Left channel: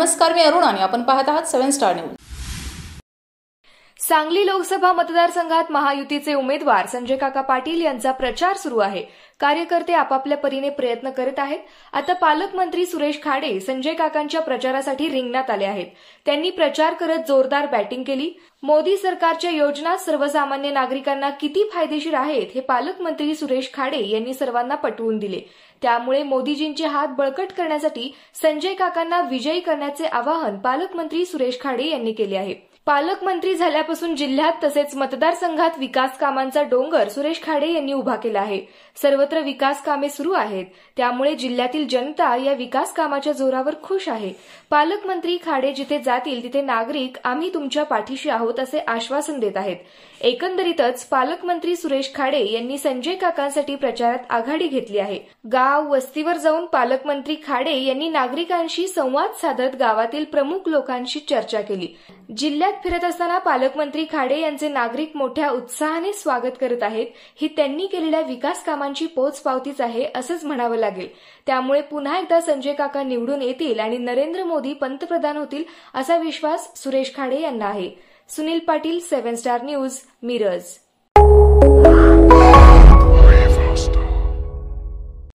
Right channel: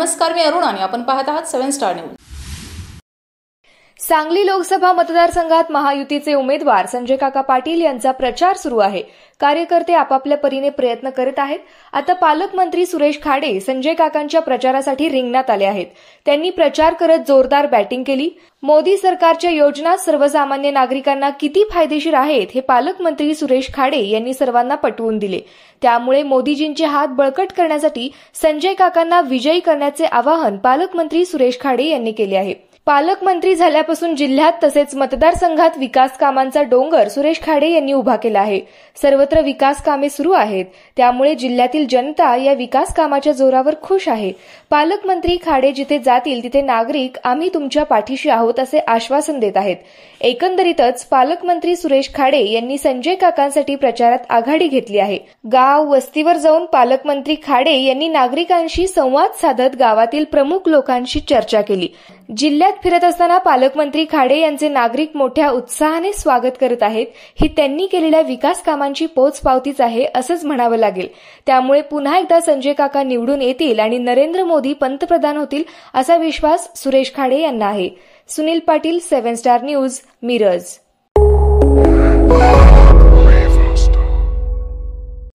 नमस्कार, मी अरुण आणि आपण पाहत आहात 7 स्टार न्यूज। सांगली लोकसभा मतदारसंघात महायुतीचे उमेदवार संजय काका पाटील यांचा प्रचार सुरू आहे। कार्यकर्ते आपापल्या परीने प्रयत्न करत आहेत। आता पालकमंत्री सुरेश खाडे संजय काकांच्या प्रचारासाठी रिंगणात आले आहेत। त्यांनी प्रचार करत जोरदार बॅटिंग केली। मोदी सरकारच्या योजना सर्वसामान्य नागरिकांना किती फायदेशीर आहेत हे पालकमंत्री सुरेश खाडे यांनी सर्वांना पटवून दिले। त्यामुळे मोदीजींचे हात बळकट करण्यासाठी संजय काकांना विजयी करण्याचे आवाहन पालकमंत्री सुरेश खाडे यांनी केले आहे। पालकमंत्री झाल्यापासून जिल्ह्यात तसेच मतदारसंघात विकास कामांचा डोंगर सुरेश खाडे यांनी उभा केला आहे। सर्वत्र विकास कामे सुरू आहेत, त्यामुळे जिल्ह्यातील जनता या विकास कामाच्या जोरावर खुश आहे। पालकमंत्री खाडे जिथे जातील तिथे नागरिक आम्ही तुमच्या पाठीशी आहोत असे आश्वासन देत आहेत। एकंदरीतच पालकमंत्री सुरेश खाडे यांनी संजय काकांसाठी प्रचारात आघाडी घेतली आहे। गाव वस्तीवर जाऊन पालकमंत्री खाडे यांनी नागरिकांशी संवाद साधत गावातील प्रमुख लोकांशी चर्चा केली। जिल्ह्यात फिरत असताना पालकमंत्री खाडे यांचे नागरिक मोठ्या उत्साहाने स्वागत करत आहेत। ही त्यांनी केलेल्या विकास कामांची पोचपावतीच आहे असंच म्हणावं लागेल। त्यामुळे पुन्हा एकदा संजय काका निवडून येतील आणि नरेंद्र मोदी पंतप्रधान होतील असा विश्वास सुरेश खाडे यांना आहे। Sunil Patil, 7 star news, Miraj.